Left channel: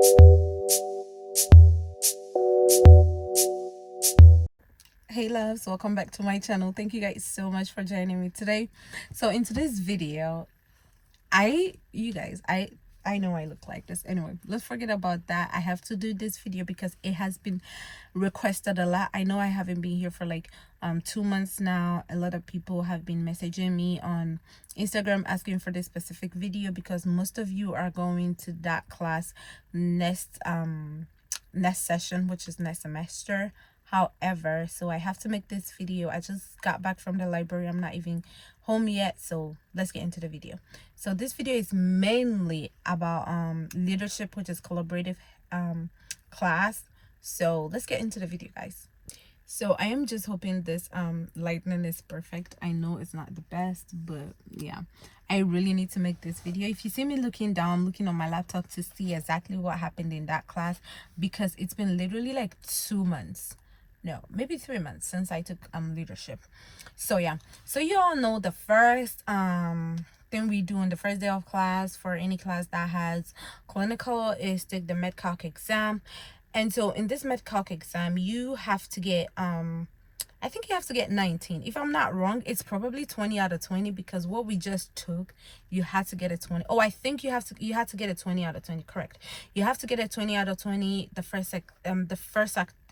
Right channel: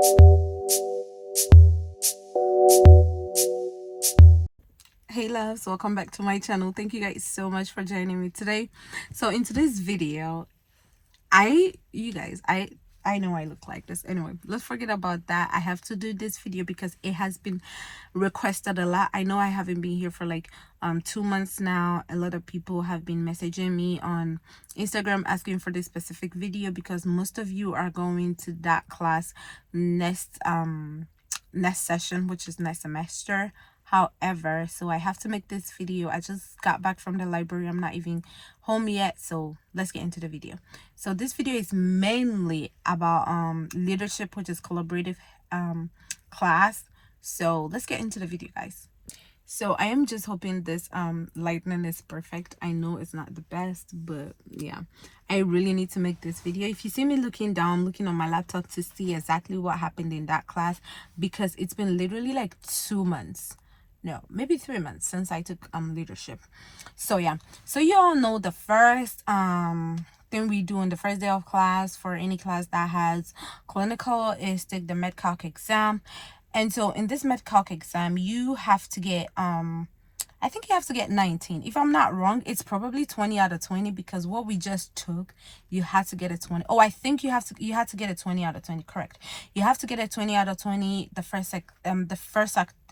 Hey loves, welcome back to my channel. Thank you guys so much for joining me today. So in today's video, I know I look like this. Anyway, let's forget about that. I have to do this video because it has been requested a lot. I know I haven't been here for like 2 months now. A lot of people have been messaging me on Instagram asking for this specific video because most of you are going to that class next session, which is next semester. However, so I have to make this video. I just got back from the library. I'm not even home yet, so let's get into the video. So this video is mainly about leadership, which is collaborative class. So let's get into the video, guys. So I am just hoping this lightning is perfect. I know it's not the best, but yeah, I really need to make this video. If you see me looking down, looking on my laptop to see exactly what happened in that class, because it's been literally like 2 months, no, maybe 3 months since I took leadership. So yeah, so you all know the first thing we do on the first day of class for any class that has clinical is take the MedCalc exam. And so in this MedCalc exam, you have to get I think you have to get 19. If I'm not wrong, it's probably 20 out of 20, because what we just took, you had to get a 20. Oh, I think you had to get a 20 out of 20. Correct. You have to get a 20 out of 20 the first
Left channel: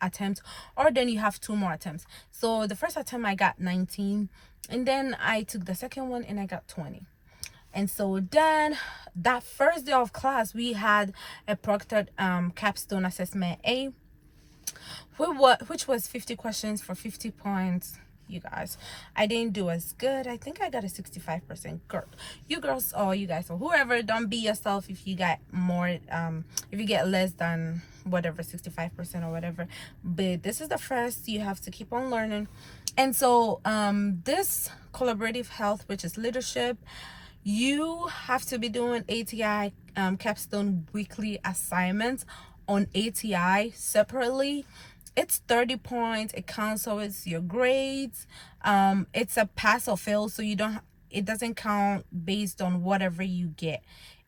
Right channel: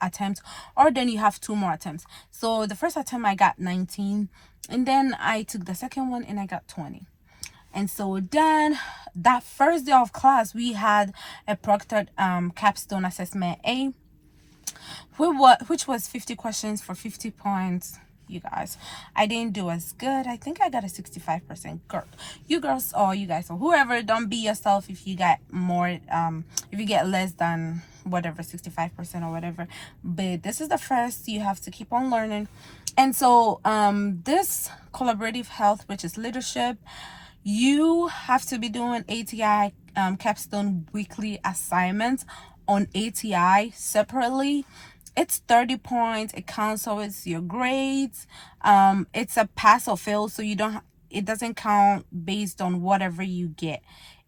attempt, or then you have 2 more attempts. So the first attempt I got 19, and then I took the second one and I got 20. And so then that first day of class, we had a proctored capstone assessment A, which was 50 questions for 50 points. You guys, I didn't do as good. I think I got a 65%. Girl, you girls, or you guys, or whoever, don't be yourself if you got more, if you get less than whatever, 65% or whatever. But this is the first, you have to keep on learning. And so this collaborative health, which is leadership, you have to be doing ATI capstone weekly assignments on ATI separately. It's 30 points. It counts towards your grades. It's a pass or fail, so it doesn't count based on whatever you get.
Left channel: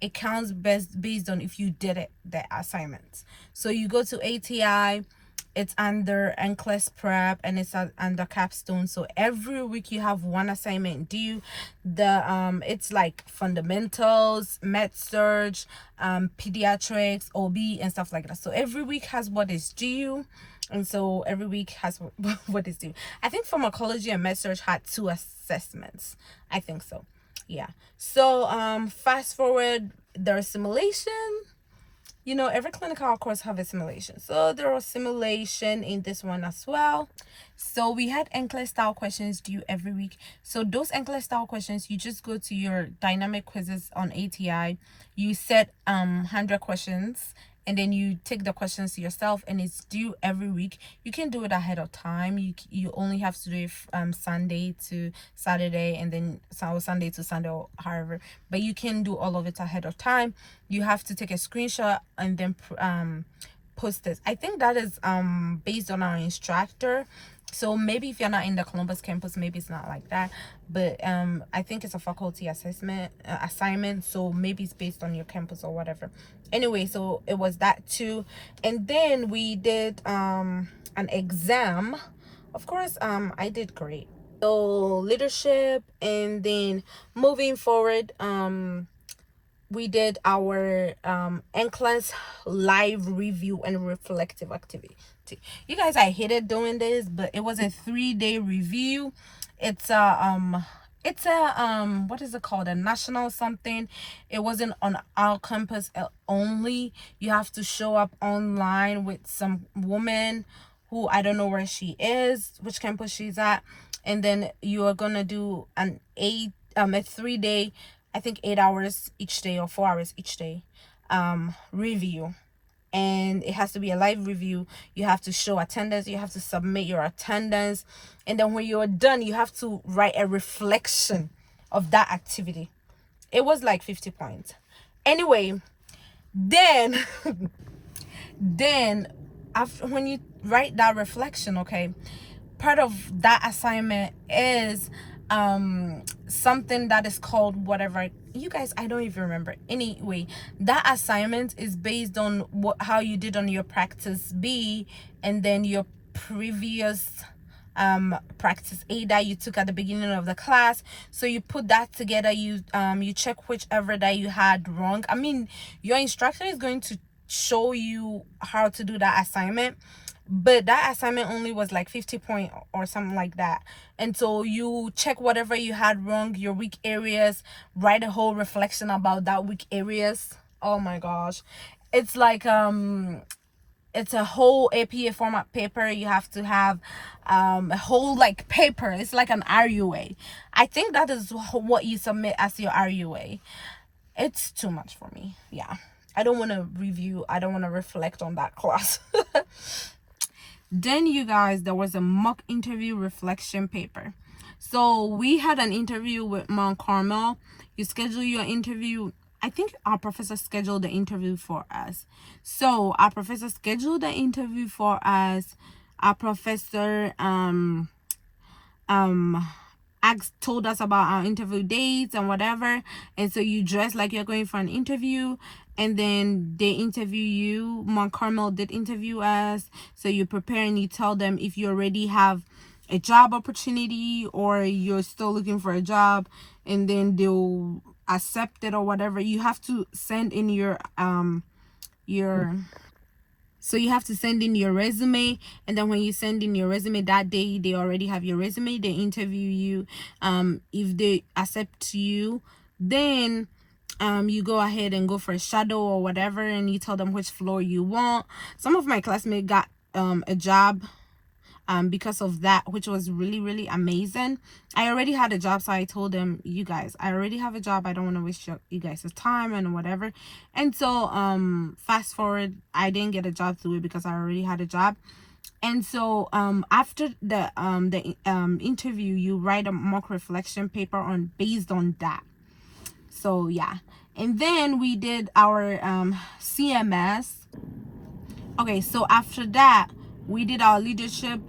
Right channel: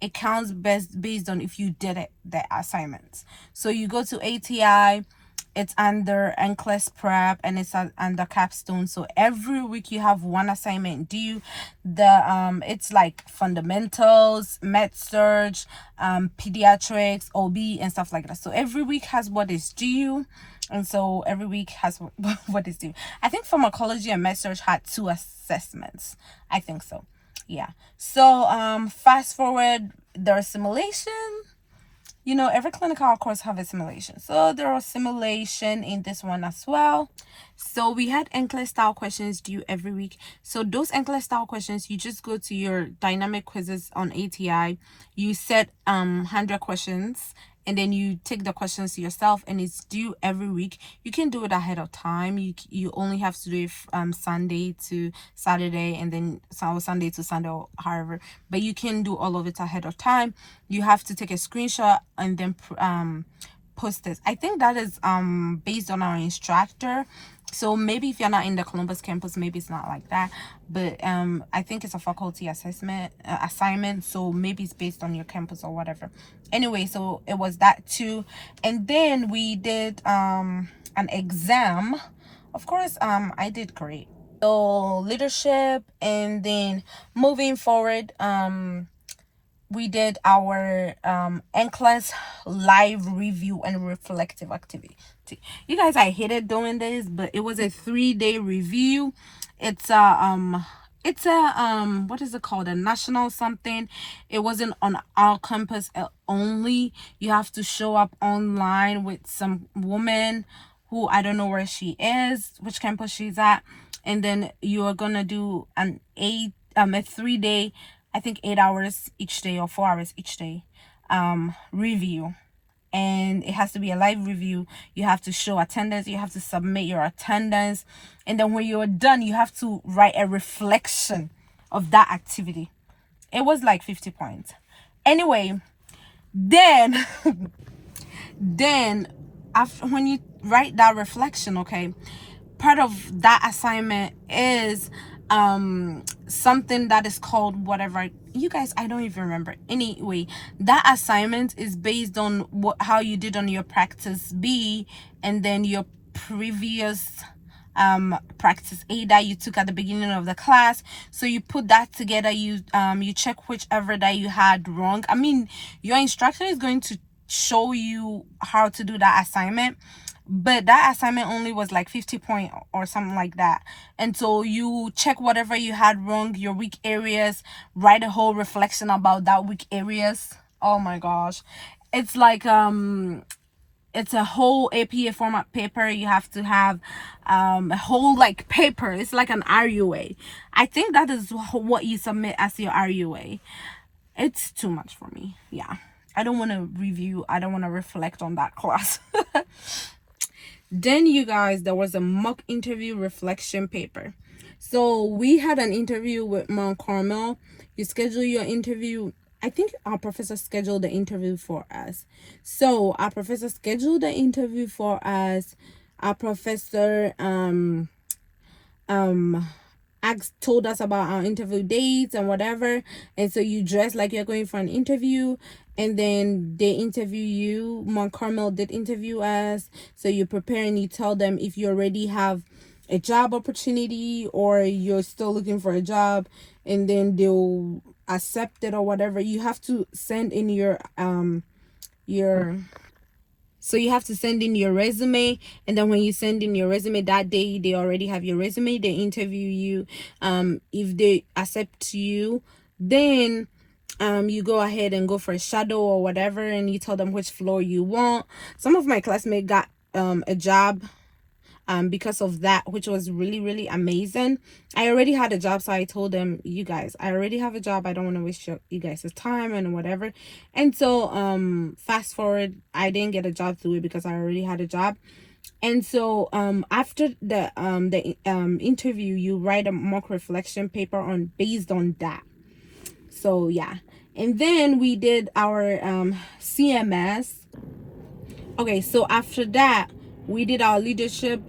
It counts based on if you did the assignments. So you go to ATI, it's under NCLEX prep, and it's under capstone. So every week you have one assignment due. It's like fundamentals, med surg, pediatrics, OB, and stuff like that. So every week has what is due, and so every week has what is due. I think pharmacology and med surg had 2 assessments. I think so. Yeah. So fast forward, there's simulation. You know, every clinical course have a simulation, so there was simulation in this one as well. So we had NCLEX style questions due every week. So those NCLEX style questions, you just go to your dynamic quizzes on ATI, you set 100 questions, and then you take the questions yourself, and it's due every week. You can do it ahead of time. You only have to do it Sunday to Saturday, and then Sunday to Sunday, or however, but you can do all of it ahead of time. You have to take a screenshot and then post it. I think that is based on our instructor. So maybe if you're not in the Columbus campus, maybe it's not like that, but I think it's a faculty assignment, so maybe it's based on your campus or whatever. Anyway, so it was that too. And then we did an exam. Of course, I did great. So leadership, and then moving forward, we did our NCLEX live review and reflective activity. You guys, I hated doing this, but it was a 3-day review. It's a what is it called, a national something. It wasn't on our campus only. You have to show up online with some woman who I don't know where she is, which campus she's at, and then you are gonna do a 3-day, I think 8 hours each day or 4 hours each day review. And it has to be a live review. You have to show attendance. You have to submit your attendance. And then when you're done, you have to write a reflection of that activity. It was like 50 points. Anyway, then after, when you write that reflection, okay, part of that assignment is something that is called whatever, you guys, I don't even remember. Anyway, that assignment is based on how you did on your practice B, and then your previous practice A that you took at the beginning of the class. So you put that together, you check whichever that you had wrong. I mean, your instructor is going to show you how to do that assignment, but that assignment only was like 50 point or something like that. And so you check whatever you had wrong, your weak areas, write a whole reflection about that weak areas. Oh my gosh, it's like it's a whole APA format paper. You have to have a whole like paper. It's like an RUA. I think that is what you submit as your RUA. It's too much for me. Yeah, I don't want to review, I don't want to reflect on that class. Then, you guys, there was a mock interview reflection paper. So we had an interview with Mount Carmel. You schedule your interview. I think our professor scheduled the interview for us. So our professor scheduled the interview for us. Our professor told us about our interview dates and whatever. And so you dress like you're going for an interview, and then they interview you. Mount Carmel did interview us. So you prepare and you tell them if you already have a job opportunity or you're still looking for a job, and then they'll accept it or whatever. You have to send in so you have to send in your resume, and then when you send in your resume that day, they already have your resume. They interview you. If they accept you, then you go ahead and go for a shadow or whatever, and you tell them which floor you want. Some of my classmates got a job because of that, which was really amazing. I already had a job, so I told them, you guys, I already have a job, I don't want to waste you guys' time and whatever. And so fast forward, I didn't get a job through it because I already had a job. And so after the interview, you write a mock reflection paper on based on that. So yeah, and then we did our CMS. Okay, so after that, we did our leadership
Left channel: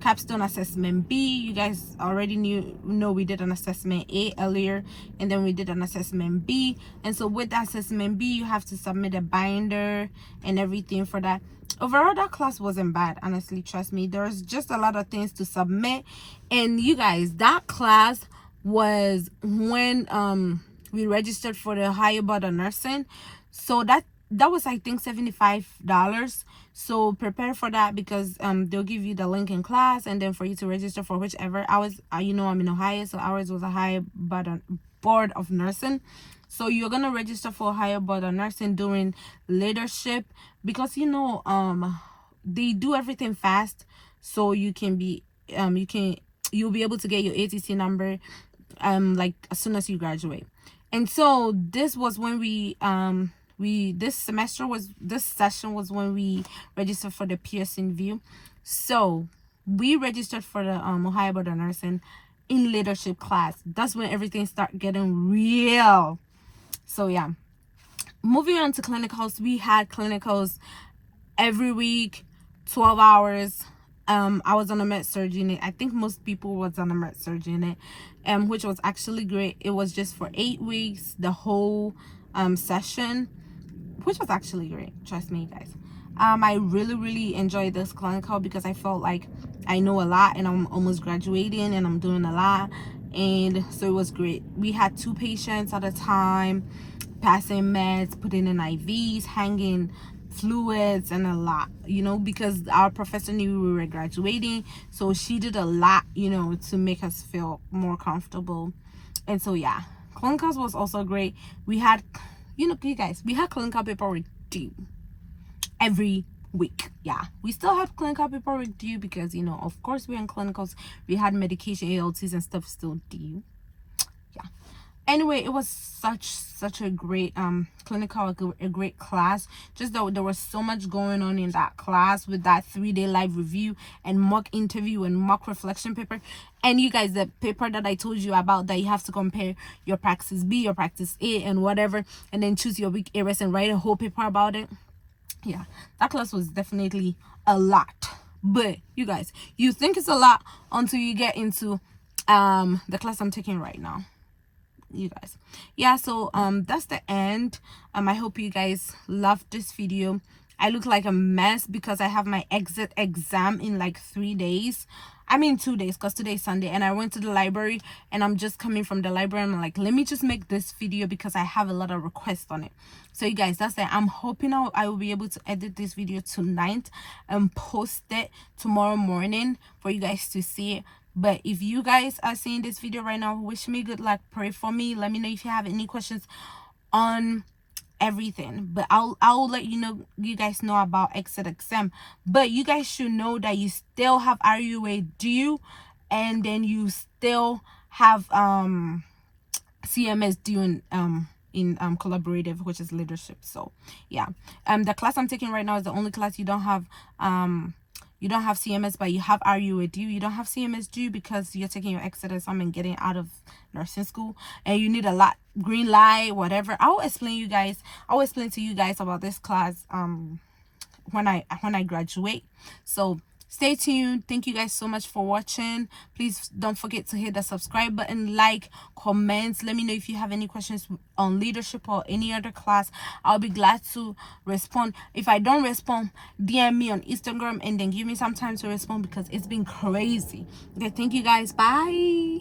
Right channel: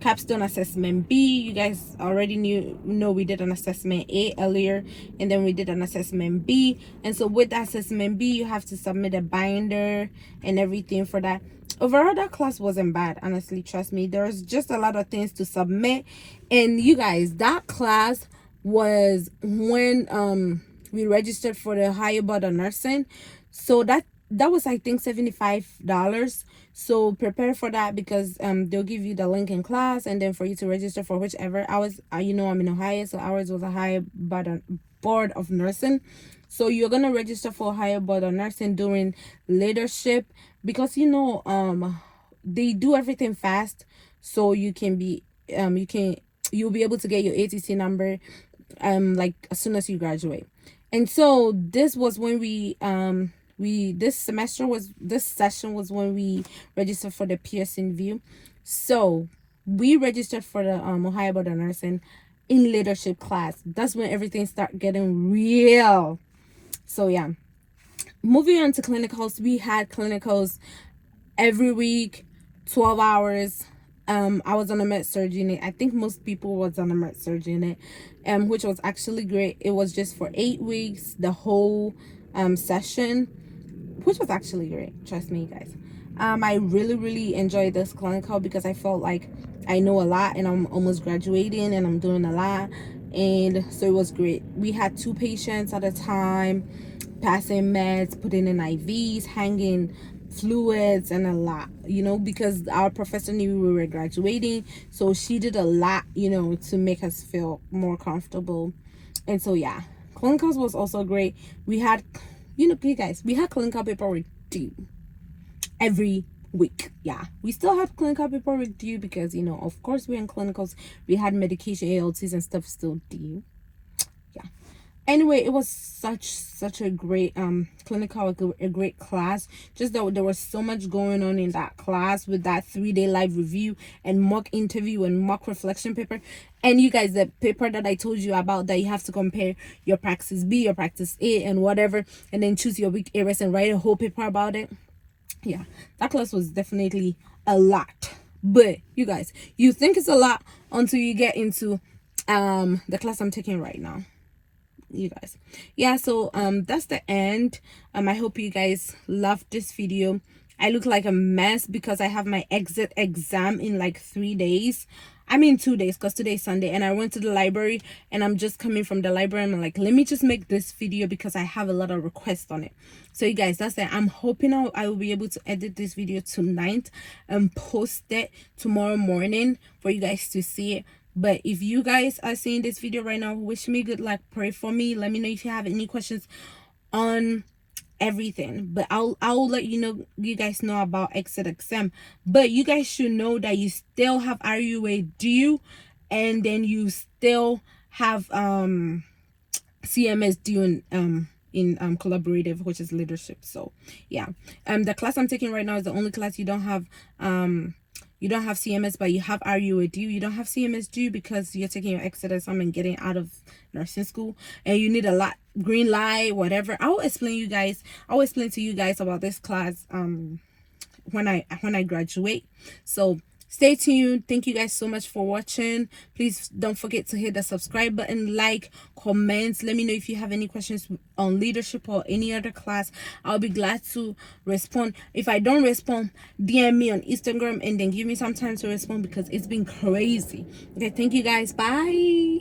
capstone assessment B. You guys already know we did an assessment A earlier, and then we did an assessment B. And so with assessment B, you have to submit a binder and everything for that. Overall, that class wasn't bad, honestly, trust me. There's just a lot of things to submit. And you guys, that class was when we registered for the higher board of nursing. So that was, I think, $75. So prepare for that, because they'll give you the link in class, and then for you to register for whichever hours. You know, I'm in Ohio, so ours was a higher board of nursing. So you're gonna register for a higher board of nursing during leadership, because you know they do everything fast, so you can be you'll be able to get your ATC number like as soon as you graduate. And so this was when this session was when we registered for the Pearson View. So we registered for the Ohio Board of Nursing in leadership class. That's when everything started getting real. So yeah, moving on to clinicals. We had clinicals every week, 12 hours. I was on a med surg unit. I think most people was on a med surg unit, which was actually great. It was just for 8 weeks, the whole session, which was actually great, trust me, guys. I really enjoyed this clinical because I felt like I know a lot, and I'm almost graduating, and I'm doing a lot, and so it was great. We had 2 patients at a time, passing meds, putting in IVs, hanging fluids, and a lot, you know, because our professor knew we were graduating, so she did a lot, you know, to make us feel more comfortable. And so yeah, clinicals was also great. We had, you know, you guys, we had clinical paperwork due every week. Yeah, we still have clinical paperwork due because, you know, of course we're in clinicals, we had medication ALTs and stuff still due. Yeah, anyway, it was such a great clinical, a great class. Just that there was so much going on in that class, with that 3-day live review and mock interview and mock reflection paper. And you guys, the paper that I told you about, that you have to compare your practice B, your practice A, and whatever, and then choose your weak areas and write a whole paper about it. Yeah, that class was definitely a lot. But you guys, you think it's a lot until you get into the class I'm taking right now, you guys. Yeah, so that's the end. I hope you guys loved this video. I look like a mess because I have my exit exam in like 3 days. I mean 2 days, because today's Sunday, and I went to the library, and I'm just coming from the library. I'm like, let me just make this video because I have a lot of requests on it. So you guys, that's it. I'm hoping I will be able to edit this video tonight and post it tomorrow morning for you guys to see it. But if you guys are seeing this video right now, wish me good luck, pray for me, let me know if you have any questions on everything. But I'll let you guys know about exit exam. But you guys should know that you still have RUA due, and then you still have CMS due in collaborative, which is leadership. So yeah, the class I'm taking right now is the only class you don't have CMS, but you have RUA due. You don't have CMS due because you're taking your exit exam and getting out of nursing school, and you need a lot green light, whatever. I'll explain to you guys about this class when I graduate. So stay tuned. Thank you guys so much for watching. Please don't forget to hit the subscribe button, like, comments. Let me know if you have any questions on leadership or any other class. I'll be glad to respond. If I don't respond, DM me on Instagram and then give me some time to respond because it's been crazy. Okay, thank you guys. Bye.